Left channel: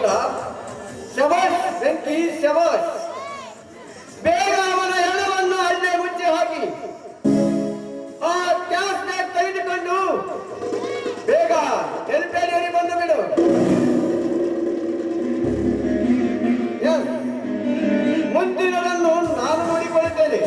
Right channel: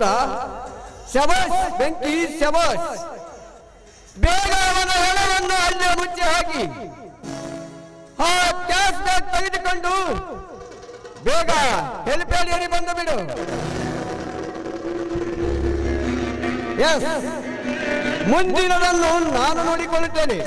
ಹೌದಾ ಶಬಸ್ ಬೆಂಕಿ ಶಬಸ್ ಬೇಗ ಅವನ ಹೆಣವನ್ನು ಅಲ್ಲೇ ಮುಚ್ಚಿ ಹಾಕಿ ಆ ಕ್ಯಾಸ್ ಬ್ಯಾಗ್ ತೆಗೆದುಕೊಂಡು ಬೇಗ ಹೆಲಿಪ್ಯಾಡಿಯಲ್ಲಿ ಬಂದು ಬಿಡು. ಮುಂದಿನದನ್ನು ನಾನು ನೋಡಿಕೊಳ್ಳುತ್ತೇನೆ.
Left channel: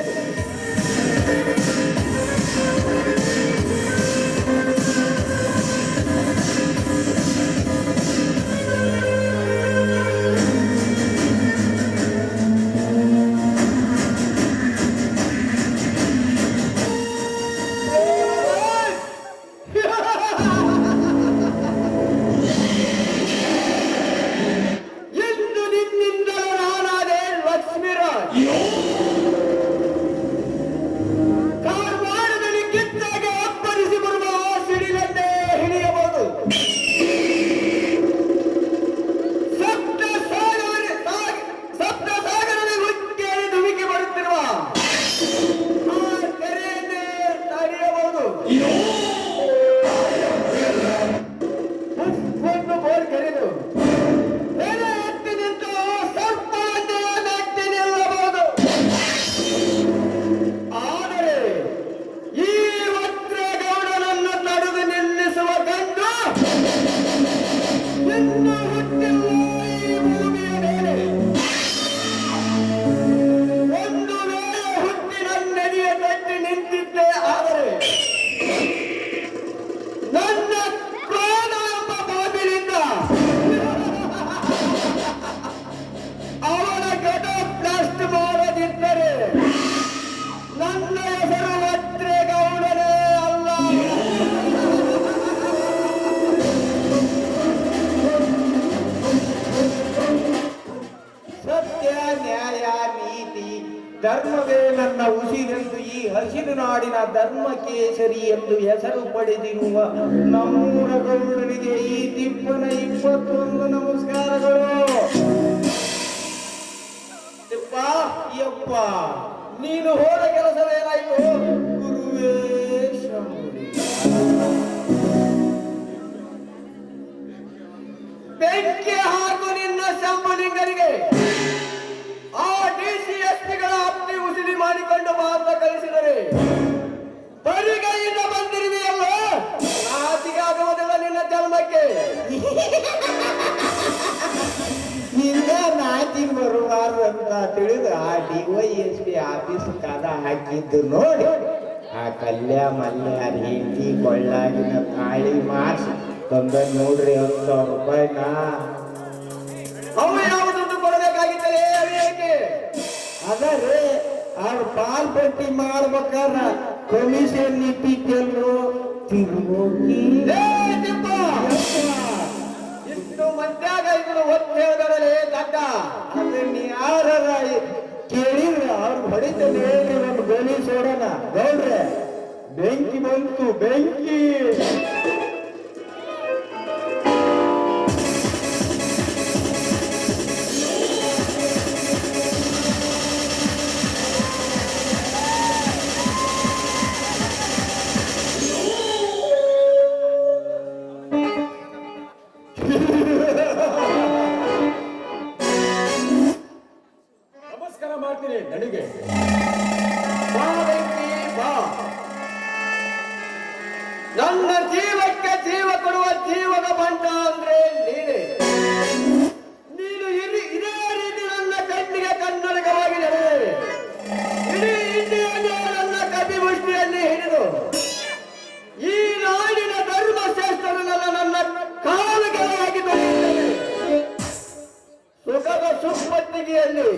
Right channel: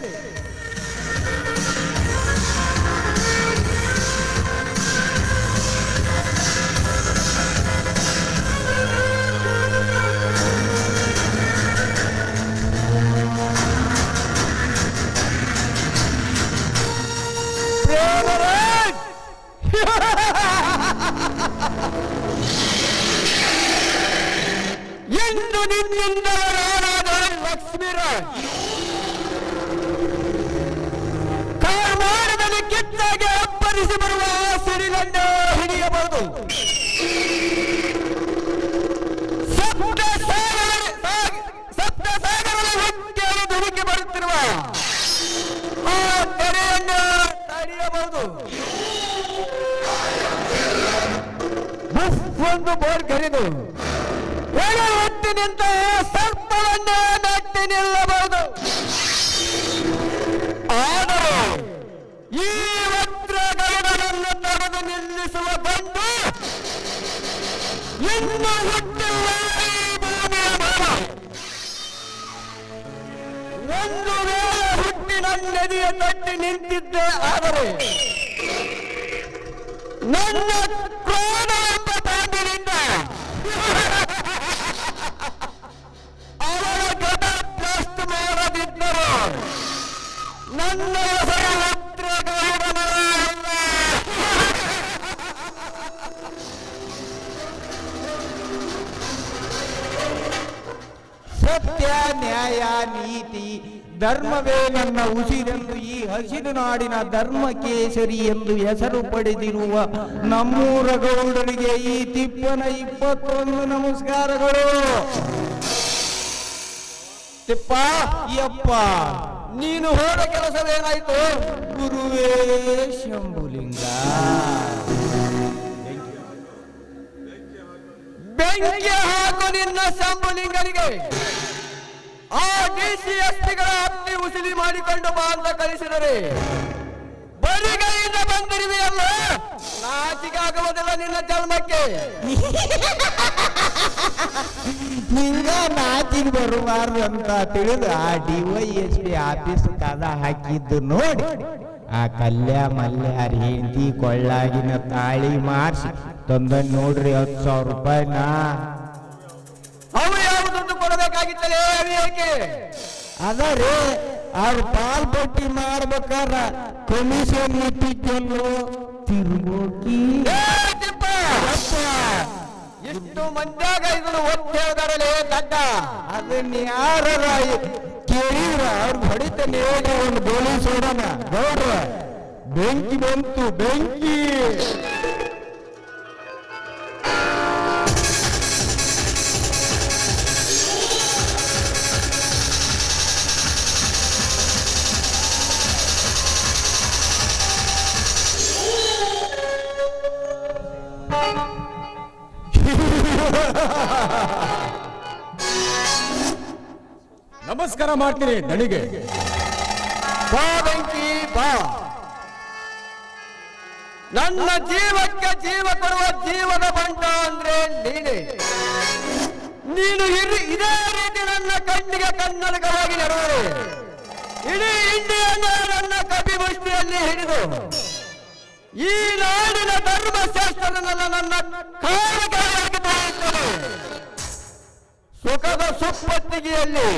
ಇನ್ನು ಕೇಸರಿ ಎಂದು ಹೆಸರು ಪಡೆದಿರುವ ನಮ್ಮೂರ ಗೌಡನಿಗೆ ಈ ತಿಪ್ಪನ ಇಪ್ಪತ್ತೊಂದು ನಮಸ್ಕಾರಗಳು. ತಿಪ್ಪ, ಯಪ್ಪ, ನೀನು ಹೋದ ಕೆಲಸವೇನಾಯ್ತು? ಗುರುವೇ ಬೆಂಕಿ ಹಾಕು ನಿನ್ನ ಶಂಭುಲಿಂಗರಿಗೆ ಆ ಡಿಸಿ ಎಸ್ಪಿಗಳ ಅಪ್ತಿ ಮುಸಿಲಿ ಮಾಡಿಕೊಂಡು ಮಾತ್ರ ಕಲಿಸಿದರೆ ಬರಿಗೈಯಿಂದ ಬಂದಿರುವೆಯಲ್ಲ? ನಾಚಿಗಾಗುವುದಿಲ್ಲ ನಿನ್ನ ಚರ್ಮಕ್ಕೆ. ನಿನ್ನ ನಾಚಿಗೆ ಬರಬಾರ್ದು ಅಂತ ತಿಳಿದು ಆ ಡಿವೈಎಸ್ ಪಿ ಆಫೀಸ್ ಕದ ಹಾಕಿದ್ದು ನೋಡಿ. ಆ ಕಲ್ಯ ಮಲ್ಯ ಹೆಂಡತಿ ಕೊಳ್ಳಾಗಿನ ತಾಳಿ ಮಾಡಿಸಿ ತೊಂದರೆ ನೋಡ್ರಿ ಹತ್ತು ಸಾವಿರ ರೂಪಾಯಿನ. ಅವ್ರು ಯಾವುದನ್ನು ಕೊಡಬೇಕಾಗಿತ್ತು ಏಕೆ ಪಾಲ್ ಅವ್ರು ಪಾಲ್ಪಟ್ಟಿ ಮಾಡ್ಬೇಕಾರ ಕಮಿಷನ್ ಏ ತಿಪ್ಪ! ಇಷ್ಟು ಮಂಡ್ಯಾಗ ಇವನು ಒತ್ತೇಗರಲೇ ಕಂಡ ಅದನ್ನ ಯಾರ ಕೇಳಿದ್ರ, ಅವ್ರು ಹೊಡಿತಾನೆ ಒಂದು ಗೋಲಿ ಸೋಡನ ನೋಡ್ರ, ಬೆಂಕಿ ಬಂತು, ಬೆಂಕಿ. ಮಾಡ್ತೀನಿ ನನಗೆ ನನ್ನ ಜೀವಕ್ಕೆ ಜೀವ ಕೊಡುವ ಜೀವದ ಬಂಡ ಅಂದ್ರೆ ನೀನೆ. ನೀನು ಇಲ್ಲಿ ಇದೇ ರೀತಿ ನನ್ನ ಕಣ್ಣಿಗೆ ಕನ್ನಡಕವಾಗಿ ನಡುವೆ ಇಡೀ ಇಂಡಿಯಾದ ನನ್ನ ಕವಿ ಮುಷ್ಟಿಯಲ್ಲಿ ಹಿಡಿದು ಈ ನಾಡಿನ ಧರ್ಮಶಾಸ್ತ್ರವನ್ನು ನನ್ನ ಕಾಲುಗಳಾಗಿ ಬೆಳೆಯುತ್ತದೆ ಸುಖದ ಸುಪ್ಪತ್ತಿಗೆಯಲ್ಲಿ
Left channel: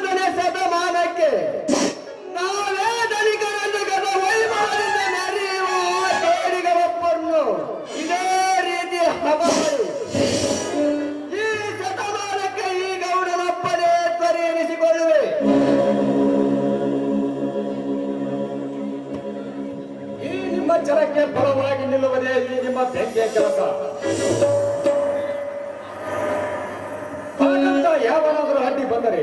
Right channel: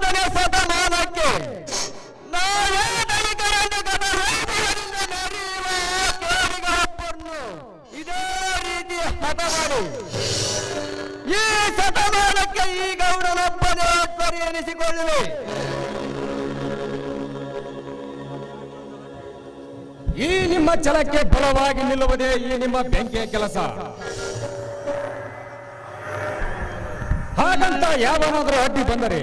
ಇಪ್ಪತ್ತೊಂದನೇ ಶತಮಾನಕ್ಕೆ ನಾನೇ ದಲಿತರನ್ನು ನಡೆಯುವ ಆ ಕೇಳಿಗಳಪ್ಪನ್ನು ಇದೇ ರೀತಿ ಹದ ಮಾಡಿ ಈ ಶತಮಾನಕ್ಕೆ ಈ ಗೌರವಪ್ಪನೇ ಪರಿಗಣಿಸಿಕೊಳ್ಳುವೆ ಈ ನಿಮ್ಮ ಜನಕ್ಕೆ ಬಲವಾಗಿ ನಿಲ್ಲುವುದೇ ಈ ನಿಮ್ಮ ಬೆಂಕಿಯ ಕೆಲಸ. ಹಾಗಂತ ಯಾವನಾದ್ರೂ ಅಡ್ಡಿ ಬಂದರೆ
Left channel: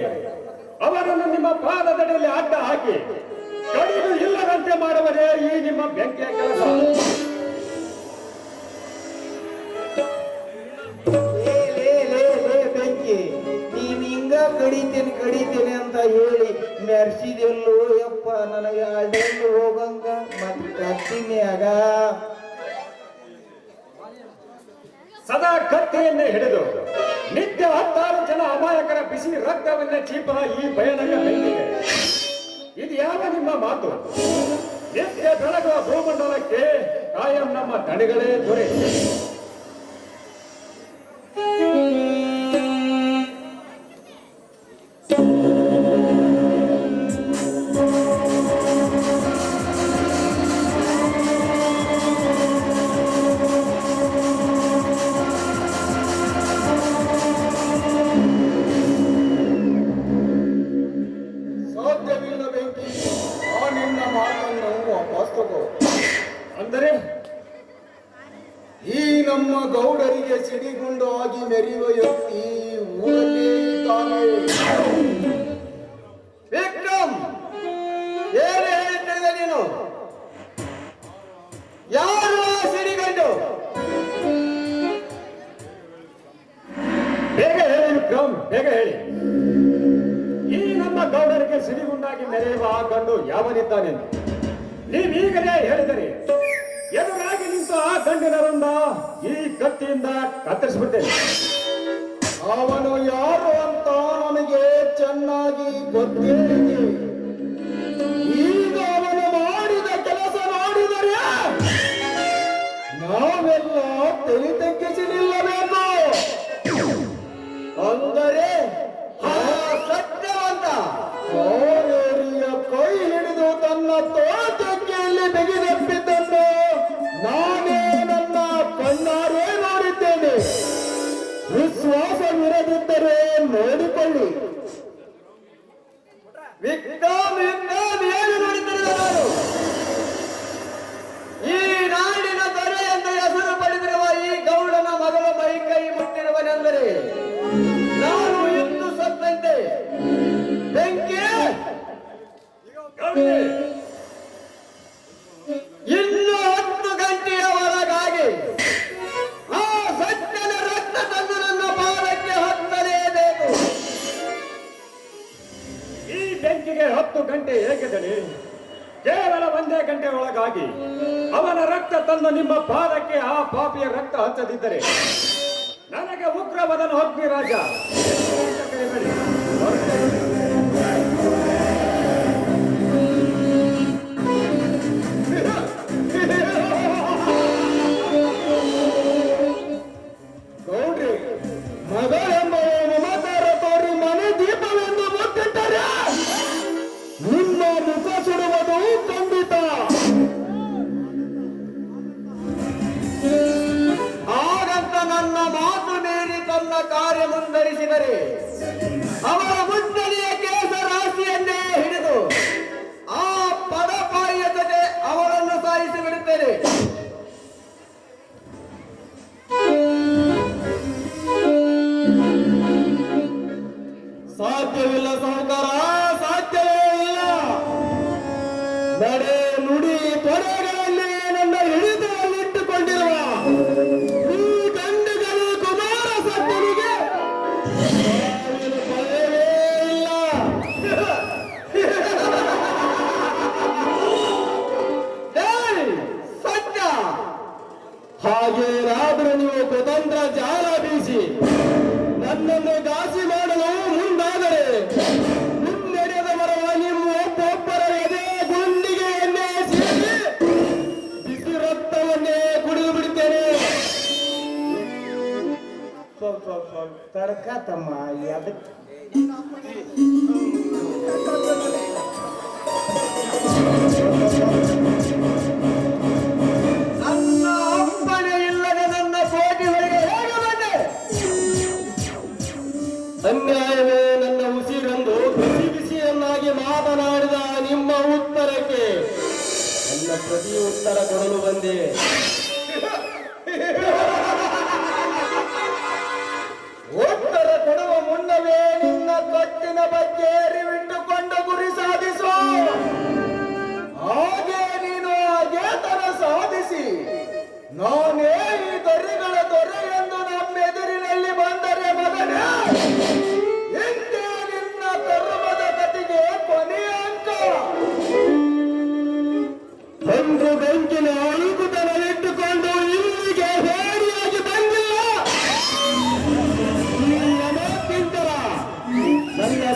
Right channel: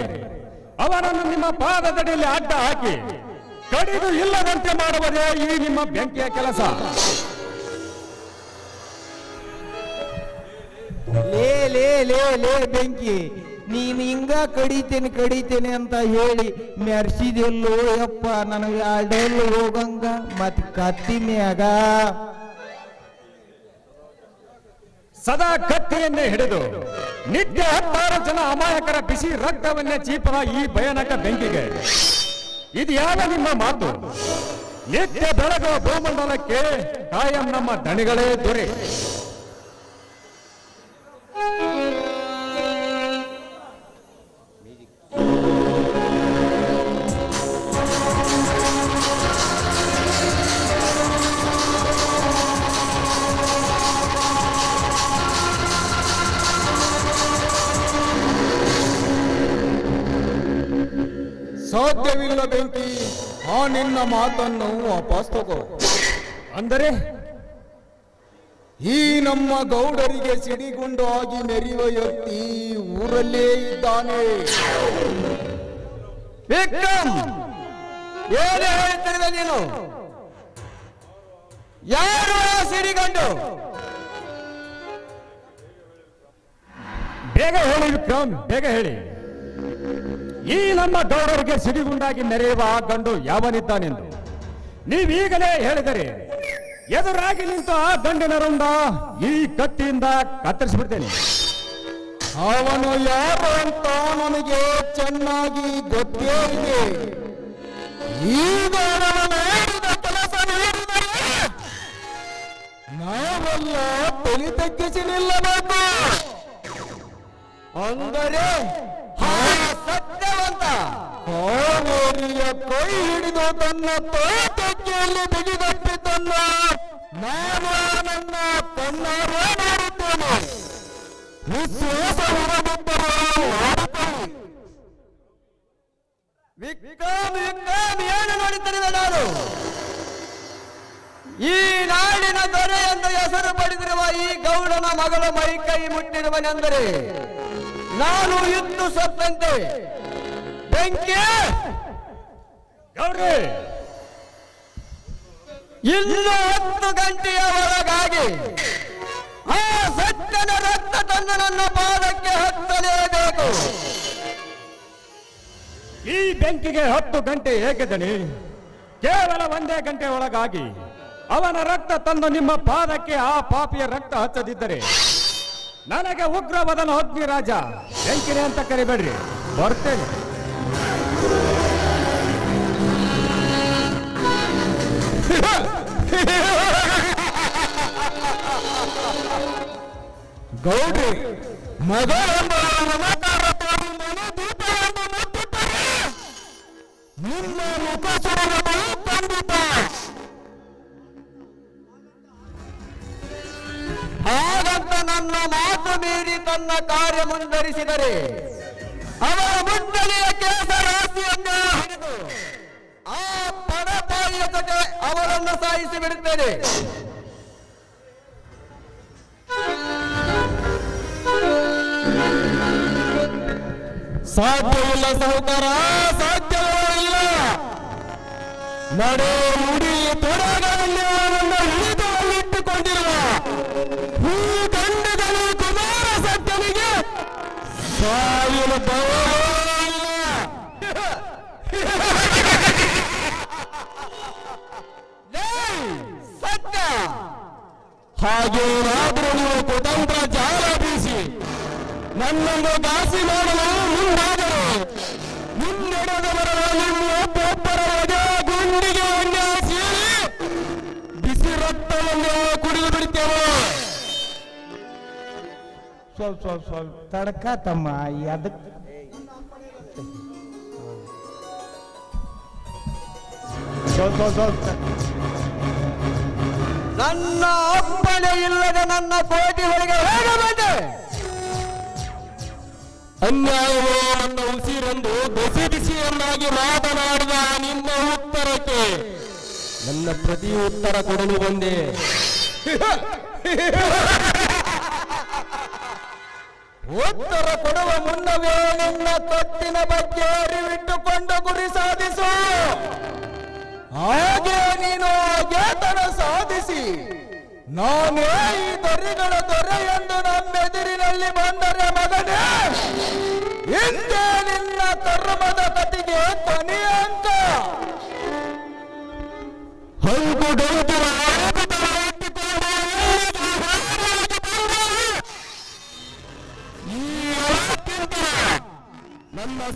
ಅವನನ್ನು ನಿಮ್ಮ ಪಾದದಡಿಯಲ್ಲಿ ಅಡ್ಡ ಹಾಕಿ ಕಡಿದು ಇಲ್ಲದಂತೆ ಮಾಡುವುದೇ ಈ ನಿಮ್ಮ ಬೆಂಕಿಯ ಕೆಲಸ. ಲೇ ಲೇ ಲೇ ಲೇ ಬೆಂಕಿ ನೀನ್ ಹಿಂಗ ಕಡಿತೇನೆ ಕಡಿತೇನೆ ಅಂತ ಹೇಳಿ ಮೆರ್ಸಿದೆಲ್ಲೋ ಯಪ್ಪ ನನಗೆ ಅದೆಲ್ಲ ಹೋಗಂಗ ಮತ್ ಕತ್ತಿನ್ಯಾಗ. ಸದಾ ಕತ್ತಿಯನ್ನೇ ಹಿಡಿದು ನಿತ್ಯ ಹತ್ತಾರು ಜನ ಅಮಾಯಕರ ಬಿಸಿ ರಕ್ತವನ್ನೇ ಚೀಪುವ ಈ ಭಯಾನಕ ಬೆಂಕಿಗೆ. ಇದು ಯಾವ ನಿಮ್ಮ ಮಾತು? ನಿತ್ಯ ಬೆಳಗುವ ಭೂಮಂಡಲಕ್ಕೆ ಕಾಯಂ ನಮ್ಮ ದಣಿಗಳೇ ದೊರೆ. ನಿನ್ನ ಮಾತನ್ನು ವಾಪಸ್ ತಗೋ. ಅಂದರೆ? ಈ ನಮ್ಮ ಗೌಡರಿಗೆ ಸಿಡಿಗುಂಡಾಗಿ ಮೆರೆಯುವ ವ್ಯಕ್ತಿ ಊರಲ್ಲೇ ಇದ್ದಾನೆ. ವಿಕ್ರಮ್! ಏನು ಹೇಳ್ತಾ ನೀನು? ಯಾರು ಆ ಸಿರಿಗಂಡು ಬೇಗ ಹೇಳಿ ವಿಕ್ರಮ್ ಬೇಗ ಹೇಳಿ. ಈ ನಮ್ಮ ಗೌರವರಿಗೆ ಸಿಡಿಗುಂಡಾಗಿ ನೆರೆಯುವ ಆ ಗಂಡು ಯಾವನಿದ್ದಾನೆಂದು ನೀವೀಗಲೇ ಹೇಳಿದರೆ, ಎದುರಾಗಿ ನಿಂತ ಆ ಗಂಡಿನ ರಂಗ ಈ ಕತ್ತಿಯಿಂದ ಕತ್ತರಿಸಿಬಿಡ್ತೇನೆ. ಅವನು ಯಾರು ಅಂತ ನನಗೆ ಚೆನ್ನಾಗಿ ಗೊತ್ತೇ ಇದೆ ಈಗ ಮಾಡಿದ ಕೆಲಸ ಮಾಡಿದರೆ ನಾವೆಲ್ಲ ತಲೆ ತಗ್ಗಿಸಿಡಿಲ್ಲಬೇಕು ಅಂದರೆ ಕೈ ಹಿಡಿದು ತನ್ನ ತೋಟಕ್ಕೆಯಲ್ಲಿ ತೆಗೆದಪ್ಪಿದ್ದನ್ನು ನಾನು ನನ್ನ ಕಣ್ಣಾರೆ ನೋಡಿದ್ದೇನೆ ವಿಶ್ವಾಸವಿರದಿದ್ದರೆ ನೋಡಿಕೊಳ್ಳಿ. ವಿಕ್ರಮ್ ವಿಕ್ರಮ್ ಏನು ನಡೀತಿದೆ ನಾನು. ಈ ನಾಡಿನ ದೊರೆ ಎಂದು ಹೆಸರು ಪಡೆದಿರುವ ಈ ಗೌಡನ ಮಗಳ ಮೈ ಕೈ ಮುಟ್ಟಿರುವನೆಂದರೆ ನಾನು ಇದ್ದು ಸತ್ತಂತೆ. ಬೆಂಕಿ! ಇನ್ನು ಹತ್ತು ಗಂಟೆಯ ಒಳಗಾಗಿ ಆ ಸತ್ಯದ ರಕ್ತ ತನ್ನ ನನ್ನ ಪಾದಕ್ಕೆ ಹತ್ತಲೇಬೇಕು ಈ ಬೆಂಕಿಗೆ ಹತ್ತು ಗಂಟೆ ಏಕೆ ಕೇವಲ ಒಂದೇ ಗಂಟೆ ಒಳಗಾಗಿ ಅವನ ರಕ್ತ ತಂದು ನಿಮ್ಮ ಪಾದಕ್ಕೆ ಆ ಪಾಪಿಯ ರಕ್ತ ಹಚ್ಚದಿದ್ದರೆ ನನಗೆ ಉಗ್ರವಾದನ ಅಗ್ನಿ ರಾಜ ಬೆಂಕಿನ ಅಂತ ಕರಿಬೇಡಿ ಹೊರಟೇನೆ ನಡೆ ಮುಡಿ ತೊಡಗಲ್ಲಿ ನನ್ನ ಹಿಡಿದು ಇಟ್ಟುಕೊಂಡಿರುವ ಈ ತಂಡದಲ್ಲಿ ಕುಮಾರ ಸತ್ತನಿಗೆ ಸಾವಿನ ಪವರೇ ಇಲ್ಲ! ಸತ್ಯ ಹಾಗೆ ಸ್ವಲ್ಪ ತಮ್ಮ ಅದಕ್ಕೆ ನನ್ನ ಅಪ್ಪಣೆ ಇಲ್ಲದೆ ನನ್ನ ಕೋಟಿ ಹೊರಗೆ ಹೇಗೆ ಬಂದೆ? ಅನ್ಯಾಯವೋ ನನ್ನ ಉಸಿರನ್ನು ಬಿಸಿ ಬಿಸಿಯನ್ನಾಗಿ ಮಾತನಾಡುವ ನಿಮ್ಮ ಉತ್ತರಕ್ಕೆ ನನ್ನ ಪ್ರತಿ ಉತ್ತರ ಕೊಡಲು ಬಂದೆ. ಉತ್ತರ ಕೊಡುವ ಮುನ್ನವೇ ನಿನ್ನ ತೊಟ್ಟಿನ ಬಗ್ಗೆ ಅರಿವಿಟ್ಟುಕೊಂಡು ಗುರಿ ಸಾಧಿಸು. ಹಾಗೆ ನೀನು ಅಜ್ಞಾತನ ಸಾಧಿಸಿ. ನಾನೇ ಈ ದೊರೆಗಳ ದೊರೆ ಎಂದು ನಮ್ಮೆದುರಿನಲ್ಲಿ ಬಂದರೆ ಮಗನೇ. ಹಿಂದೆ ನಿನ್ನ ಧರ್ಮದ ಕತಿಗೆ ಕೊನೆಯ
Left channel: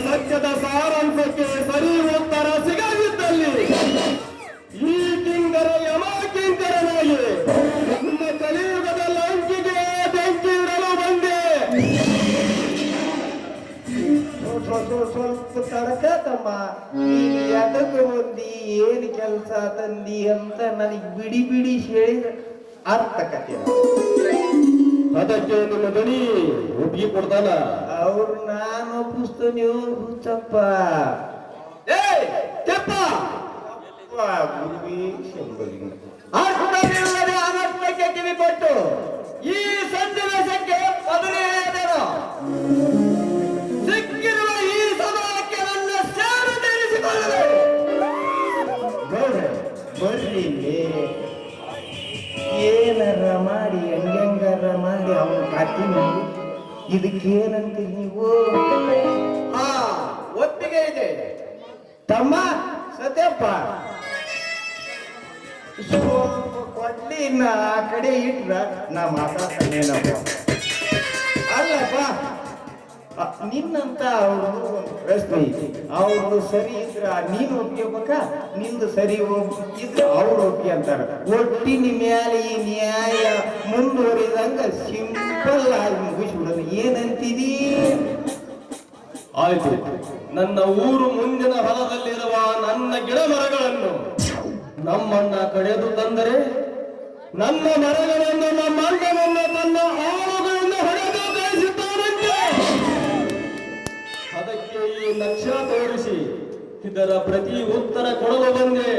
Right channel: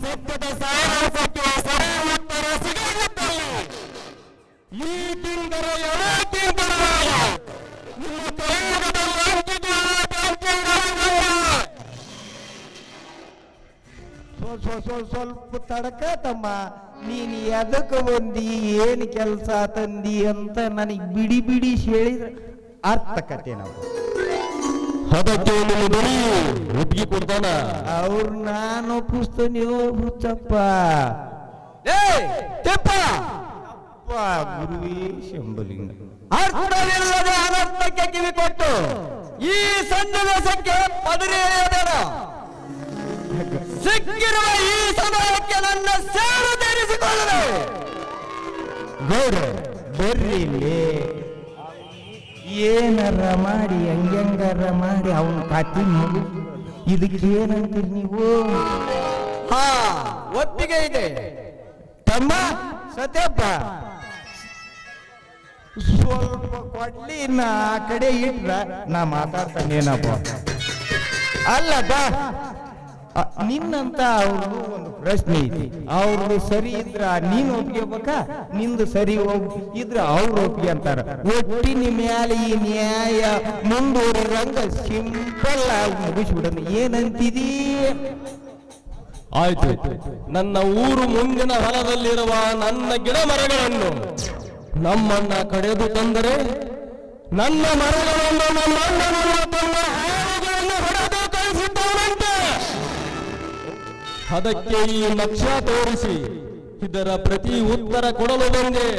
ಸತ್ಯದ ಸಾರಾಂಶಕ್ಕೆ ಸರಿ ಉತ್ತರ ಸಿಗದಿದ್ದಲ್ಲಿ ಈ ತಿಂಗಳ ಯಾವ ತಿಂಗಳಾಗಿ ನಿಮ್ಮ ಕೈಯುಗದ ಬೆಂಕಿಗಳು ಬಂದಿವೆ. ಸ್ವಲ್ಪ ಸ್ವಲ್ಪ ತಡಕ ತಮ್ಮ ನೀನ್ ಎದಕ್ಕೆ ಬಂದಿ ಏನ್ ಕೆಲಸ ತಂದಿ ಅಂತ ನನಗೆ ಬಿಡಿ ಬಿಡಿ ಹೇಳಿದ್ರೆ ಅರ್ಥ ಕತೆ ನಿಮ್ಮ ಬಳಿ ಒಪ್ಪಿಗೆ ಕೊಡ್ತಾನ. ಅವ್ರು ನಾನು ಪುಸ್ತಕ ನೀವು ಹುಚ್ಚಪ್ಪ ಗುರುವೇ ಅನರ್ಥಕ್ಕೆ ಕಿವಿ ಕೊಟ್ಟು ಈ ಸನ್ನಿವೇಶಕ್ಕೆ ಪದವಿಯೇದನ ಸಿಕ್ಕಿರುವ ಈ ಸಮಯಕ್ಕೆ ನನ್ನ ಸೇವೆ ತೀರಿಸಿಕೊಳ್ಳಲು ಗೌಡ ಬರ್ರಿ. ಏನಾರ ಮಾಡಿ ಹೆಂಗಾರ ಮಾಡಿ ಅವನ ಪಾತಿ ಮಾಡಿ. ಇದಕ್ಕೆ ಏನಂತೀರಿ ನೀವು. ಹಾ ಒಪ್ಪಿಗೆ ಇದೆ. ತಮ್ಮ ಸತ್ಯಪ್ಪ ಕೊಡ್ಲಿ ಆ ಕಡೆ ಇಟ್ರ ನಾ ಮಾತಾಡ್ತಾನೇನಪ್ಪ ಅಲ್ಲಪ್ಪ ನಿನ್ನಂತ ಅವರು ಪ್ರಶ್ನೆ ಐತಿ ಅವ್ರು ಸರಿ ಇದ್ರ ನೀನ್ ಒಪ್ಕೋಬೇಕ ನಿಂದು ಸರಿ ಹೋಗಿದ್ರ ಅವ್ರು ಒಪ್ಪಿಗೆ ಅಂತಾರ ಒಟ್ಟಿನ ಮ್ಯಾಲೆ ಈ ನ್ಯಾಯ ಮುಂದುವರೆದಂಗ ಸಿಂಪಲ್ ಆಗಿ ಮುಗಿಸ್ಬಿಡೋದು. ಏನಂತಿದೀ ಆಯ್ತು. ನನ್ನ ಊರು ಮುಂದಿನ ಹೊಲದಲ್ಲಿರುವ ನನ್ನ ಗಿಡ ಮರಗಳನ್ನು ನಮ್ಮನ್ನ ಕಡೆದು ತಂದರೆ ನನ್ನ ಮರಗಳನ್ನು ನಮ್ಮ ಅಣ್ಣನನ್ನ ತನ್ನ ಅದಕ್ಕೆ ಈ ಲಕ್ಷ್ಯ ತೋರಿಸಿ ಇದರ ಪ್ರತಿ ಉತ್ತರ ಕೊಡಲು ಬಂದೆ.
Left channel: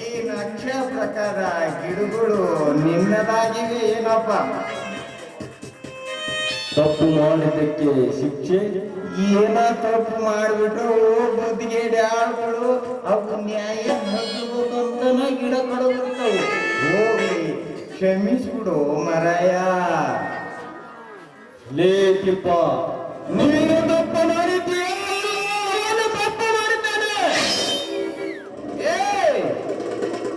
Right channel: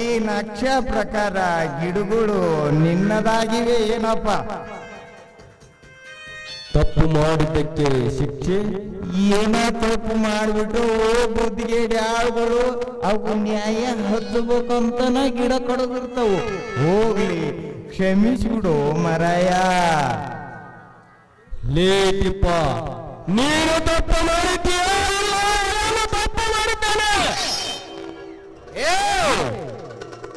ಈ ನಕ್ಷ ಪ್ರಕಾರ ಗಿಡಗಳು ನಿನ್ನದಾಗಿವೆ ಏನಪ್ಪ? ತಪ್ಪು ಮಾಡಿದ್ದಕ್ಕೆ ಶಿಕ್ಷೆ? ಏನ ತಪ್ಪು ಮಾಡಿಬಿಟ್ಟು ಬುದ್ಧಿಗೆ ಆಳುಗಳು. ಅವಕ್ಕೆ ನ್ಯಾಯ ಹಚ್ಚಬೇಕು ಅಂತನ ಗಿಡ ಕೊಡಬಿಡ್ತಾವು ಹೋಗ್ಲಿ ಕ್ಷಮಿಸ್ಬಿಡು ಮರಯ ಲೇಟಿಪ್ಪ ನೀನು ತಪ್ಪು ಮಾಡಿದ್ದೀಯ? ತಪ್ಪು ಮಾಡಿದ್ದೇನೆ. ಏ,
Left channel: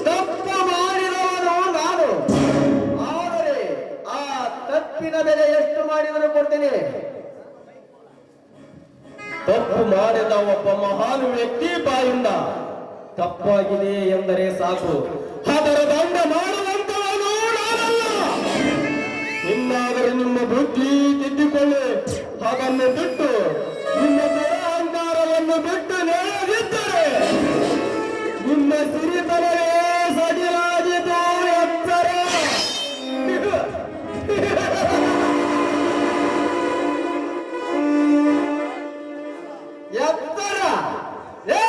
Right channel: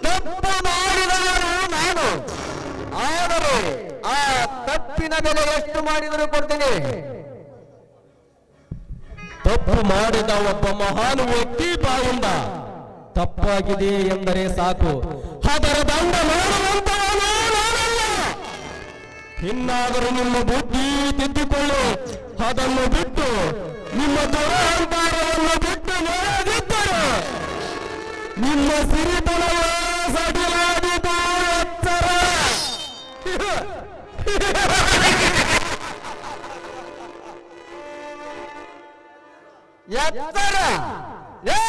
ತಪ್ಪು ಮಾಡಿದವನು ನಾನು. ಆದರೆ ಆ ತಪ್ಪಿನ ಬೆಲೆ ಎಷ್ಟು ಮಾಡಿದರೂ ಕೊಡ್ತೇನೆ. ತಪ್ಪು ಮಾಡಿದ ಒಬ್ಬ ಮಹಾನ್ ವ್ಯಕ್ತಿ ಬಾಯಿಂದ ತಪ್ಪಾಗಿದೆ ಎಂದರೆ ಸಾಕು. ಅದರ ದಂಡ ಮಾಡುವಂತವನು ನಿಮ್ಮ ಬುದ್ಧಿ ತಿದ್ದಿಕೊಳ್ಳು ಅದನ್ನು ಬಿಟ್ಟು ನಿಮ್ಮ ದುರಹಂಕಾರವನ್ನು ಬಿಟ್ಟು ನೆರೆದಿದ್ದರೆ ನಿಮ್ಮ ಸಿರಿತನ ಎತ್ತರ ಎತ್ತರ ಏ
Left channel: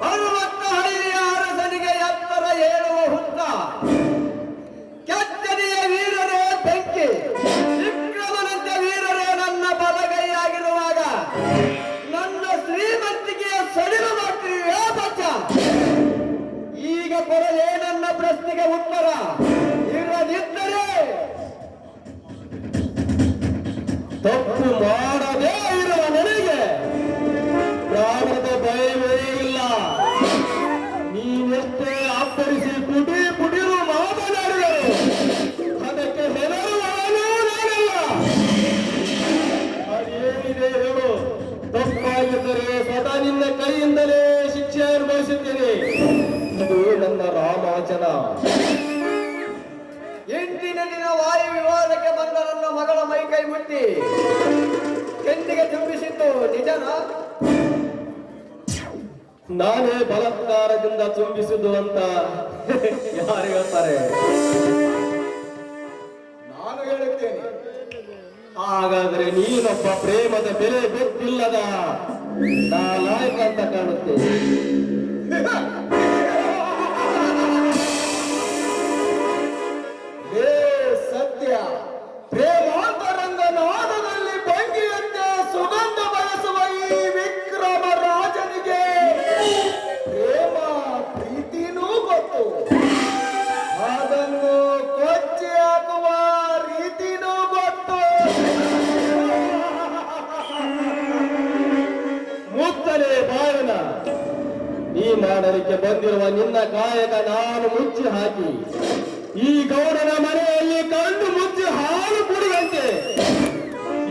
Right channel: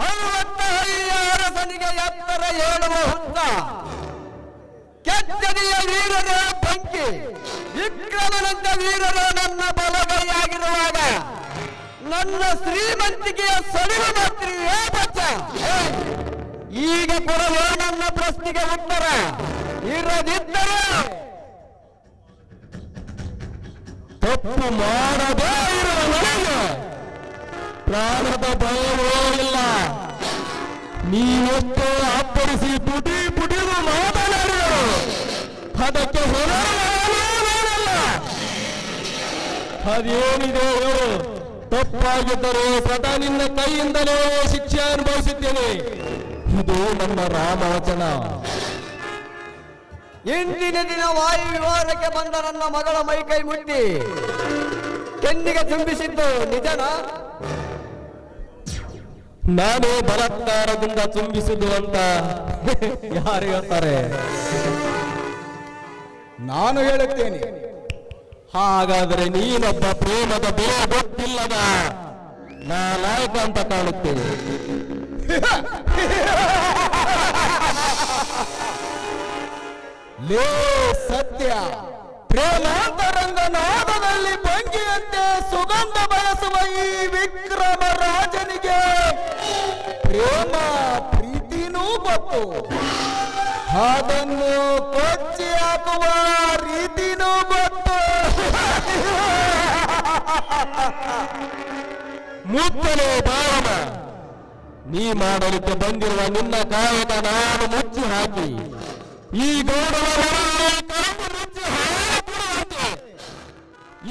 ಹನುಮಂತ ಹರಿಯ ಅರಸನಿಗೆ ಎತ್ತರ ಹೇಳುವ ಹುತ್ತ ಕೆತ್ತನೆಯ ವೀರನ ಪ್ರಾಣದ ನೀವೊತ್ತು ಅಪ್ಪರಿಸಿ ಪುಟಿ ಪುಟಿರು ಮಾತನಾಡಿರು ಅದಕ್ಕೆ ಹೊರಲ್ಲ ಅದೇನಿದೆ ಹೇಳು. ತಪ್ಪಾಗುತ್ತದೆ ಸದಾ ನಿನ್ನ ಕೈಯಿಂದಲೇ ಶಿಕ್ಷೆ ಅನುಭವಿಸುತ್ತೇನೆ. ಇದು ನಮ್ಮ ರಾಮಾಚನ ಎಂಟಿನ ದಿನ ವಾಯು ವಿವಾದಕ್ಕೆ ಬಂದ ನನ್ನ ಮಗಳ ಮೈ ಕೈ ಮುಟ್ಟಿ ಕೆನ್ನಿಗೆ ಚುಂಬಿಸಿದ್ದು ನಿಜನಾ? ನಾನೇ ಬಲತ್ಕಾರದಿಂದ ಕಂಬಿಸಿದ್ದು ಅಂತ ಯಾರು ಹೇಳ್ತಾರೆ? ನಾನು ಹೇಳುತ್ತೇನೆ. ಹಾಗಾದ್ರೆ ನೀನೊಬ್ಬ ಪ್ರೇಮದ ಬೇರೆ ಗೊತ್ತಿಲ್ಲದ ನಾಲಾಯಕ ಅಂತ ಕಾಣುತ್ತೇನೆ ಲೇ ಸತ್ಯ. ಅದನ್ನು ಕೊಚ್ಚಿ ಹಾಕುವ ರೀತಿನೂ ಗೊತ್ತು. ಮುತ್ತರೆ ಬಾವನ ನೀ ಮಾಡಲಿಕ್ಕೆ ಬಂದಿರುವ ನಿನ್ನ ಕಾಯಕ ನಾನು ಮುಚ್ಚಿ ಹಾಕಿ. ಈ ಗೌರವ ಕಂಡು ಮುಚ್ಚಿ ಹಾಲು ಕುಡಿದಂತೆ.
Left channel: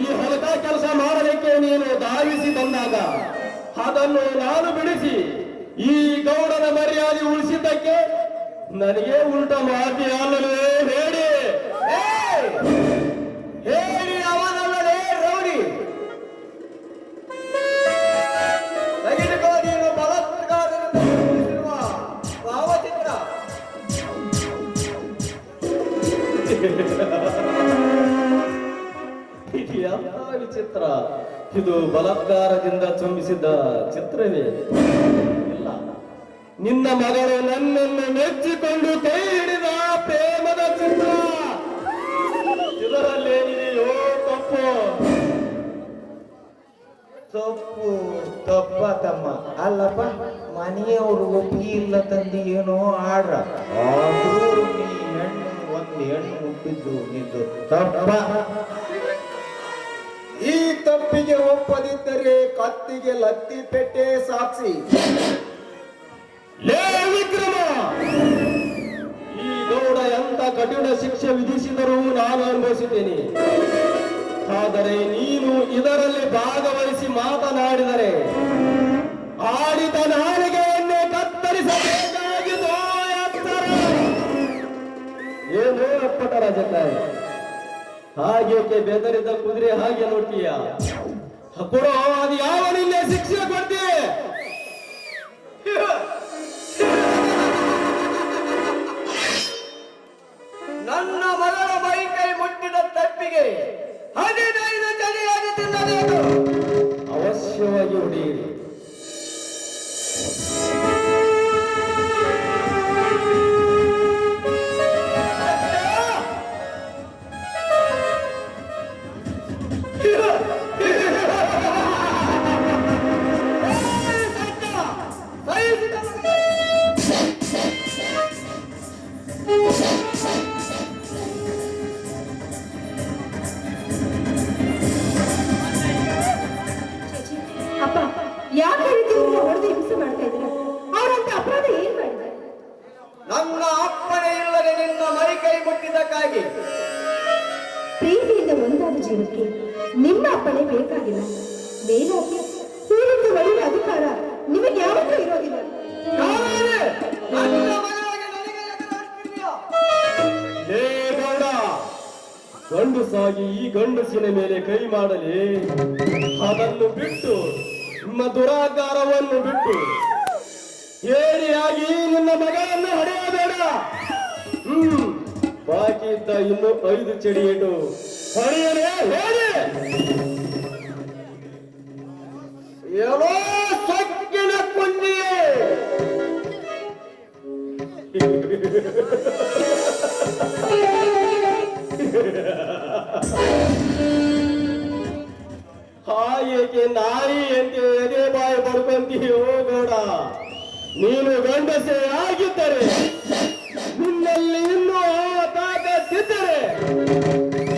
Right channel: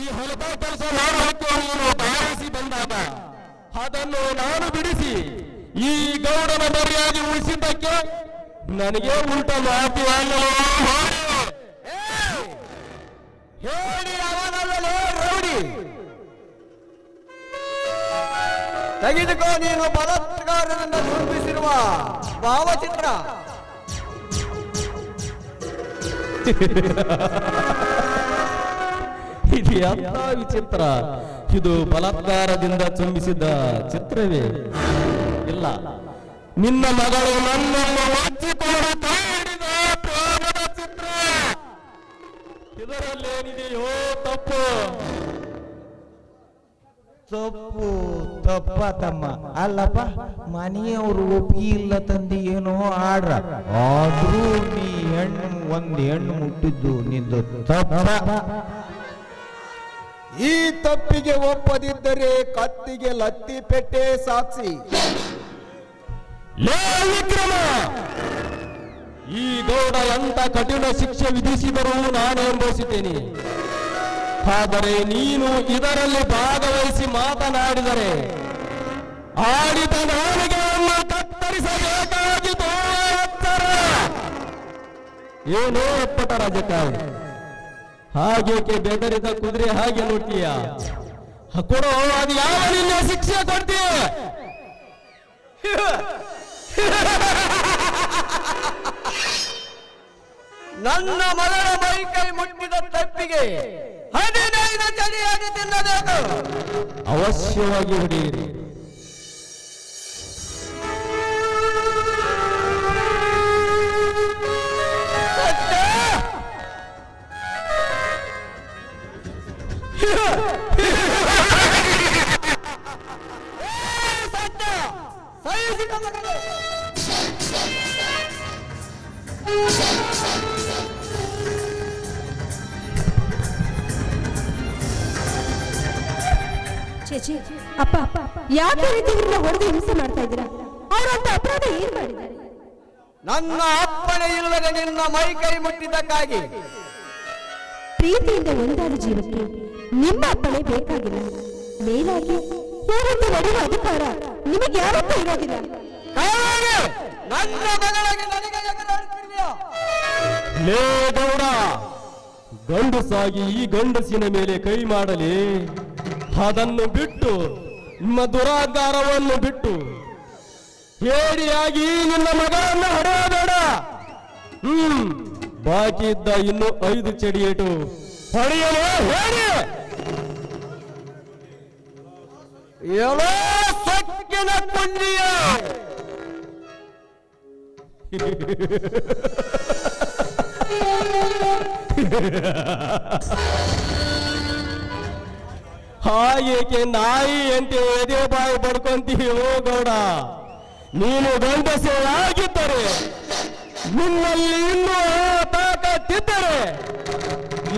ಈ ಹೊಸ ಕೆಲಸ ಮಾಡಬೇಕು ನೀನು ಭಾವಿಸಿ ಬಂದಾಗ. ಅದನ್ನು ನಾನು ಬಿಡಿಸಿ. ಈ ಗೌರವ ಮರ್ಯಾದೆ ಉಳಿಸಿದ್ದಕ್ಕೆ ನನಗೆ ಉಂಟ ಮಾತಿಯನ್ನು ನೋಡಿ. ಹೇಳಿ ಅವನಲ್ಲೇ ರೌಡಿ ತೆಗೆದುಕೋ ನೀನು ಬಲಾತ್ಕಾರದಿಂದ ನಿರ್ಮಿಸಿರುವ ಭಾವಚಿತ್ರ. ಇದು ಎಂತ ವಿಚಿತ್ರ. ಇದು ಬಲಾತ್ಕಾರದಿಂದ ಚುಂಬಿಸಿದ ಚಿತ್ರವೇ. ಇಲ್ಲ. ನಿನ್ನ ಮಗಳು ನನ್ನನ್ನು ಮೆಚ್ಚಿಕೊಂಡು ಕೈ ಹಿಡಿದ ಪ್ರೇಮದ ಚಿತ್ರ. ಇದರಲ್ಲೇನಿದೆಯೋ ತಪ್ಪು. ತಪ್ಪು, ತಪ್ಪ ತಮ್ಮ. ಅಲ್ಲಪ್ಪ, ಮನೆಯವರು ಒಪ್ಪಿ ಇಲ್ಲ ತಂದಿ ಏನೋ ಆಡ್ರ. ಆದ್ರೂ ನೀ ಹೆಣ್ಣು, ಒಂದ್ ಹೆಣ್ಣು ಮುಟ್ಟಿದ್ರು ನಿಂದು ತಪ್ಪ. ಈ ತಪ್ಪಿಗೆ ಒಪ್ಪದಿದ್ದರೆ ಕತ್ತಿಗೆ ಲತ್ತಿ ಪೆಟ್ಟೆ ಸಾಕ್ಷಿ ಈ ಗೌಡ ಎಂತ ಕಠಿಣ ಶಿಕ್ಷೆ ವಿಧಿಸಿದರೂ ನಾನು ಅನುಭವಿಸಿದ್ದೇನೆ ಆದರೆ ನೀನು ಇದರಲ್ಲಿ ಭಾಗವಹಿಸಿ ಮಾತನಾಡಿದರೆ, ಆಡಿದ ನಾಡಿಗೆಯನ್ನು ಕತ್ತರಿಸಬೇಕಾಗಿ ಏನೋ ಅಪ್ಪಟ ರಾಜಕಾರಣ ಹಾಗೇಕೆ ಬೆದರಿದ ಕುದುರೆ ಹಾಗೆ ನೋಡ್ತೀಯ ಕೊಡೋ ಅದು ಯಾವ ರೀತಿಯ ಶಿಕ್ಷೆ ಕೊಡ್ತೀಯ? ನನ್ನ ಮಗಳ ಮೈ ಕೈ ಮುಟ್ಟಿದ ತಪ್ಪಿಗೆ ಹದಿನೈದು ಚಳಿಯಾಗಿ ತಿನ್ನಬೇಕು? ಅವಶ್ಯವಾಗಿ ಹೊಡೆಯಿರಿ. ನಿಮ್ಮ ಅಪ್ಪಣೆ ಬೇಕಾಗಿಲ್ಲ ಅದೇನಾಗಿ ಈ ನಡೆಯುವ ಅಧಿಕಾರ ನಿಮಗೆ ಯಾವತ್ತೂ ಇರೋದಿಲ್ಲ. ಲೇ ಗೌಡ ಗಂಡಸಾಗಿ ಈ ಗಂಡಸಿನ ಮೇಲೆ ಕೈ ಮಾಡಲಿ. ಅದನ್ನು ಬಿಟ್ಟು ನಿಮ್ಮ ದುರಾಕಾರವನ್ನು ಬಿಟ್ಟು ಹೇರಿಯಾಗಿ ನಿನ್ನ ಮಗಳನ್ನು ಹಡೆಯಬೇಡ. ಹ್ಮ್ ಬಾಕಿ ಇದ್ದ ಇನ್ನು ಐದು ಚಡಿ ಹೊಡೆಯಲೇ ಹೇಳಿ. ಸಕ್ಕಿನ ಪುಣ್ಯ? ಹಾಗೇಕೆ ನಾಯಿ ಅಂತ ಎದೆ ಬಾಯಿ ಪಡ್ಕೊಂತೀಯೋ ಬೇಡ. ನೀನು ಗಂಡಸರಾಗಿದ್ದರೆ ನಿನ್ನಲ್ಲಿ ಇನ್ನೂ ತಾಕತ್ತಿದ್ದರೆ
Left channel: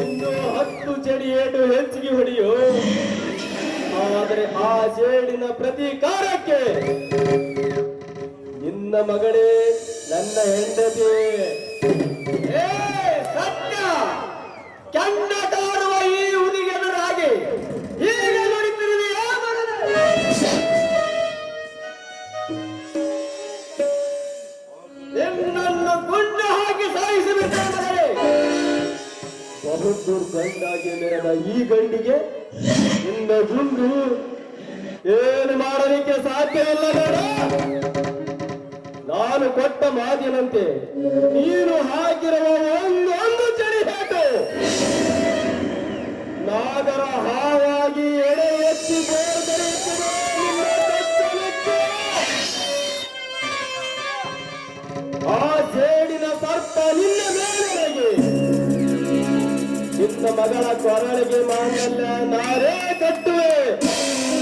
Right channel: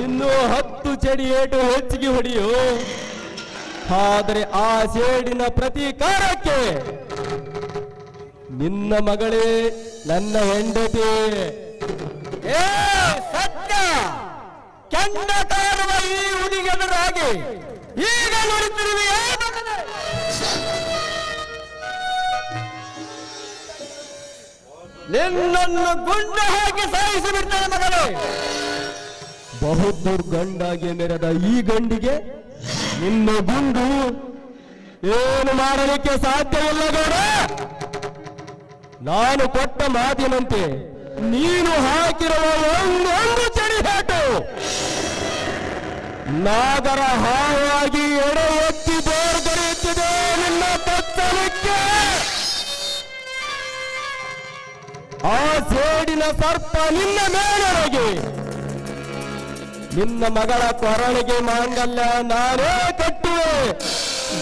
ಇನ್ನೂ ಹತ್ತು ಚಡಿ ಏಟು ಹೆಚ್ಚಿಗೆ ಹೊಡೆಯೋ ಆದರೆ ಆ ಸೇಡಿನ ಪ್ರತೀಕಾರಕ್ಕೆ ನಿನ್ನ ಮಗಳೇ, ನನ್ನ ಹೆಂಡತಿ. ಸತ್ಯ! ಕೆಂಡ ತಾರುವ ಈ ಹುಡುಗನ ಹಾಗೆ ಈಗ ನೋಡುತ್ತಿರುವೆ ನಿನ್ನನ್ನು ಗುಂಡು ಹಾಕಿ ಸಾಯಿಸಿಬಿಟ್ಟೆ ಮಗಳೇ ಬಹುದೂರ್ ಗಂಡಾಗಿ ಮೆರೆದ ಈ ಗಂಡಿಗೆ ನಿನ್ನ ಗುಂಡು ಏನು ಮಾಡಲಿಕ್ಕೆ ಸಾಧ್ಯ ಇಲ್ಲ. ನಾನು ಕೊಟ್ಟ ಮಾತಿನಂತೆ ನೀನು ಹಾಕಿರುವ ಒಂದೊಂದು ಚಳಿ ಹೇಟು ನಾಗರ ಹಾವಾಗಿ ಎಡೆ ಎತ್ತಿ ಬೇರ್ಪಡುತ್ತದೆ ನಿಮ್ಮ ತತ್ತಲಿಕ್ಕೆ ಆ ಸೇಡಿನ ಸರ್ಪ ನಿನ್ನ ಮೇಲೆರಗಿ ನಿನ್ನ ಮಗಳ ಕೊರಳಿಗೆ ಮಾಂಗಲ್ಯ ನಾರೇ ಕಟ್ಟುವೆ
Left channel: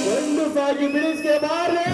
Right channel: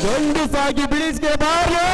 ಗಂಡು ಸಾಗಿ ಬಿಡಿಸಿಗೆ ಬಾರೇ